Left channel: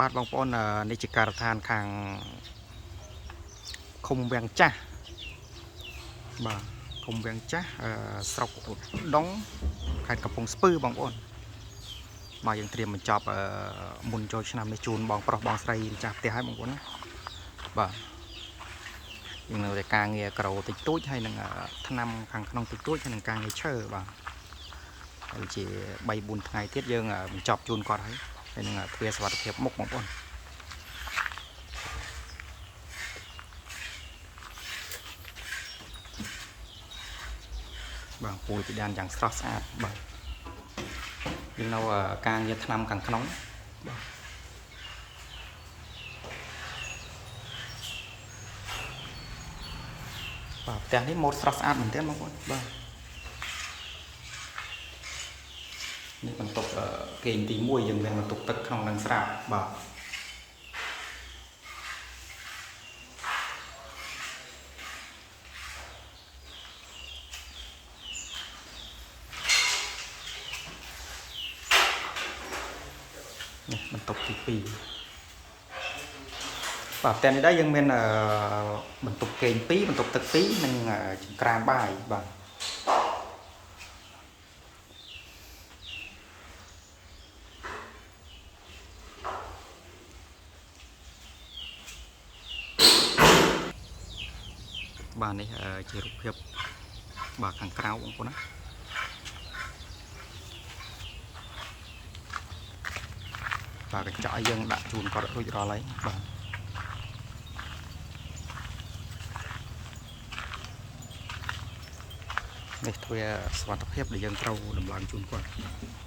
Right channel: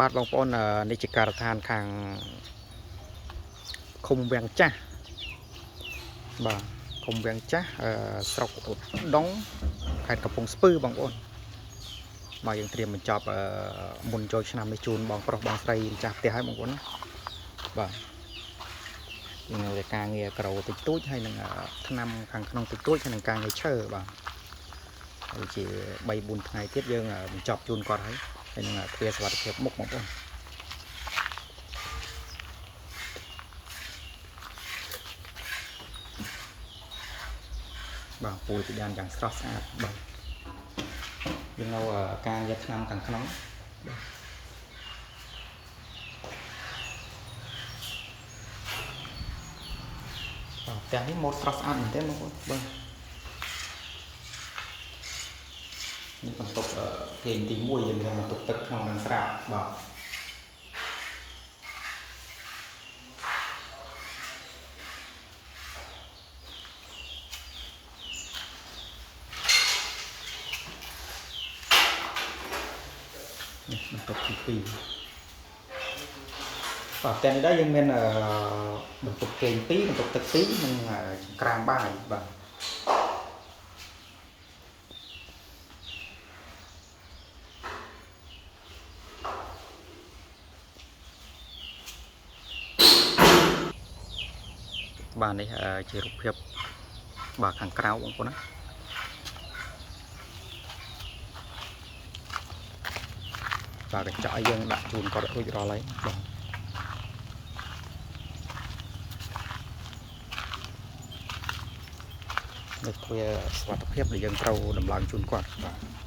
បាទបងប្អូននេះជាការដ្ឋានខាងឃុំវាំងចាស់បាទឃុំវាំងចាស់ស្រុកឧដុង្គខេត្តកំពង់ស្ពឺបងប្អូនមកយើងត្រៀមបញ្ចប់មុនចូលឆ្នាំនេះជូនបងប្រុសបងស្រីម្ចាស់ផ្ទះហើយបងប្អូនណាបាទយើងនៅតែការងារក្រោតិចតួចហើយនឹងថ្នាំខាងក្នុងតិចតួចហើយនឹងការងារឈើបាទហើយជា3 4ថ្ងៃទៀតយើងបញ្ចប់ជូនគាត់ហើយនឹងទ្វារសុវត្ថិភាពមុខបងប្អូនបាទពូលពីដានយ៉ាងស្រស់ស្អាតបាទយើងនៅការងារថ្នាំខាងក្នុងបាទផ្ទះនេះម៉ូតស្រស់ស្អាតមែនទែនបងប្អូនបាទនេះបន្ទប់គេងទី1យើងមានបន្ទប់ទឹកក្នុងនឹងស្រាប់បាទនេះបន្ទប់ទី2បាទផ្ទះនេះដែរយើងមានបន្ទប់គេង2បន្ទប់ទឹក2និងចង្ក្រានបាយបាទបាទនេះជារូបភាពបាទខាងក្រៅបងប្អូនណាបាទកញ្ចក់យើងដាក់ជូនគាត់រួចរាល់ហើយបាទនេះទ្វារសុវត្ថិភាពដែលយើងត្រូវដំឡើងជូនគាត់បាទ